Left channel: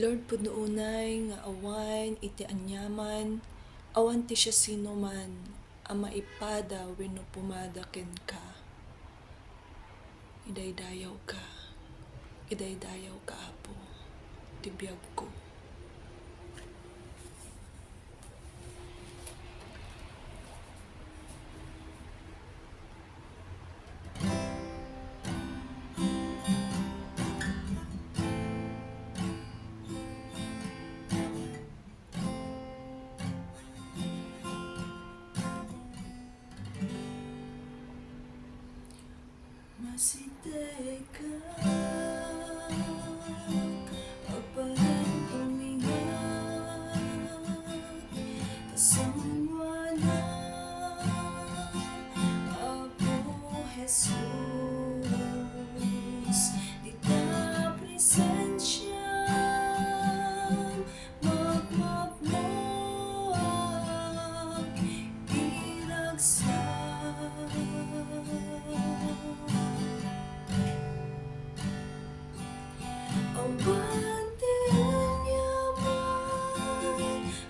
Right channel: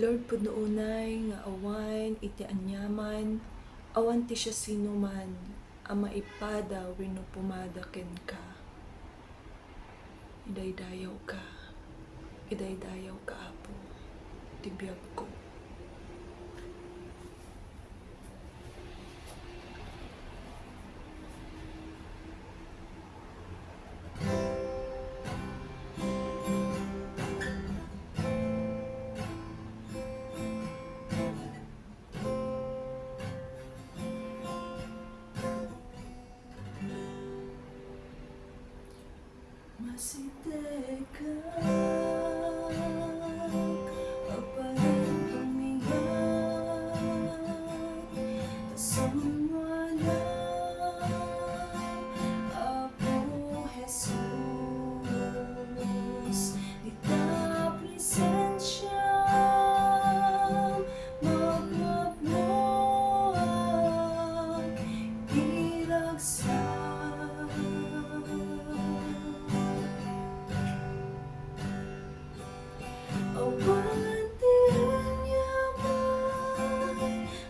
Lord, punoonay nga awan iti anyaman, awan ti siya sino man, ang maipada wenno pumada ken ka. Idaydayaw ka. Idaydayaw ka, Apo. Tibiyag ko. Masite ka, apayan tumingan, tasamwala, Apo Jesus, di ta presensya, magmagmoag, iragsak. Awan ti anyaman,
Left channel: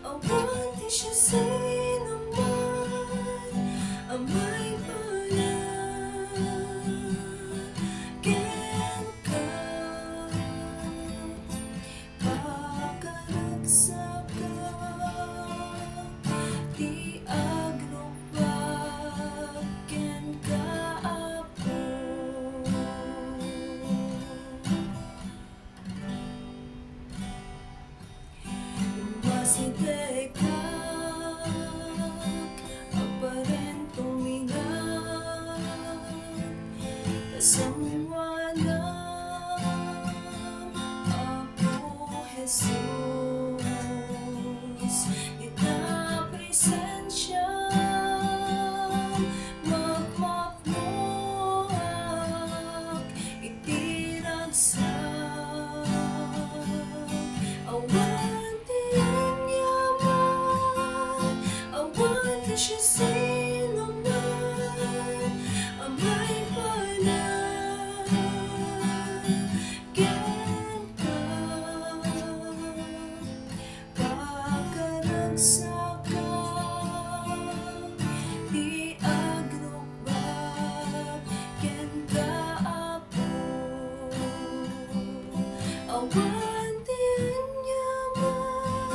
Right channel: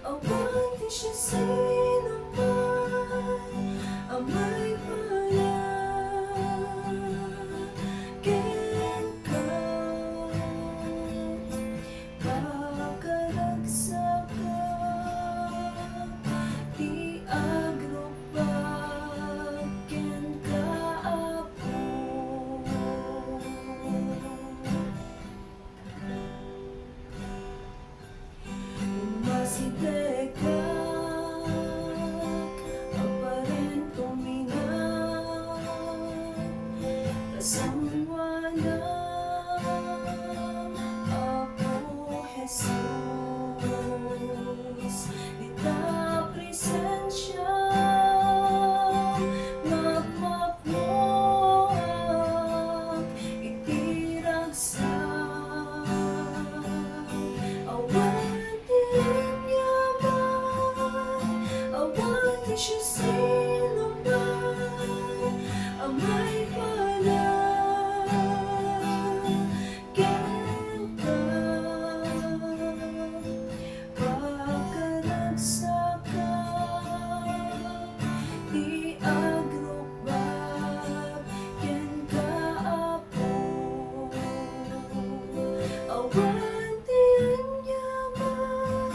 awan ti siya sino man, ang may ken ka. Pakaragsak ka, di agrupag ken ka, Apo. Masidekak, aparent tumingan, tasamwala, Apo Jesus, di ta presensya, magmagmoag, itiragsak. Awan ti anyaman, awan ti siya sino man, ang may ken ka. Pakaragsak ka, di agrupag ken ka, Apo. Awan ti anyaman,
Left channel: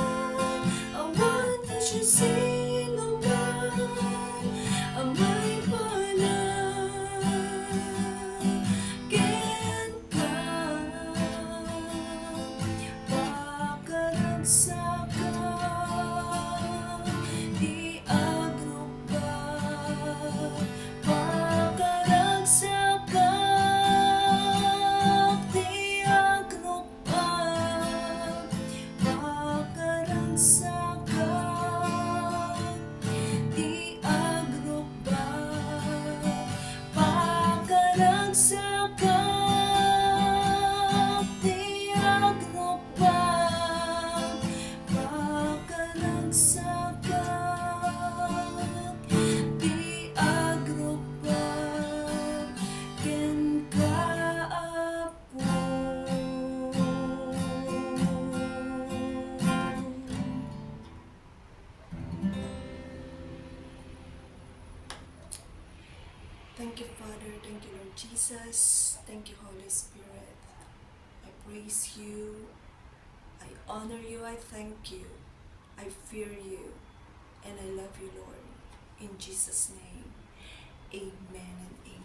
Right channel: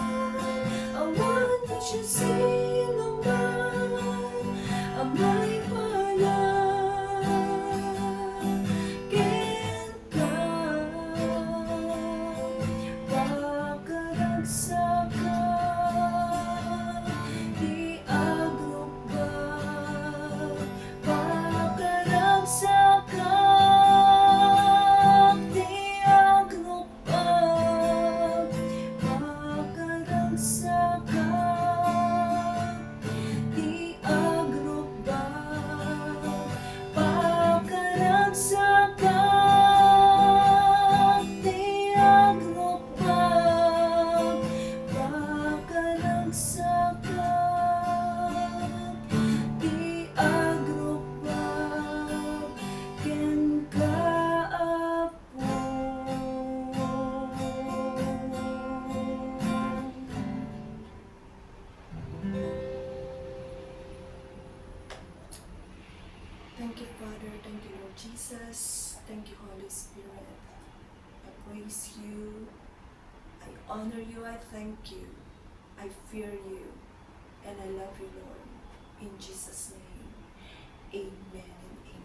awan ti siya sino man, ang may ken ka. Pakaragsak ka, di agrupag. Pakaragsak ka, di agrupag. Pakaragsak ka, di agrupag. Pakaragsak ka, di agrupag. Pakaragsak ka, di agrupag ken ka, Apo. Thank you, Father. Thank you, Lord Jesus. Thank you, Holy Spirit. I praise you. I honor you. I thank you. I fear you. And I love you, Lord. In Jesus' name, amen and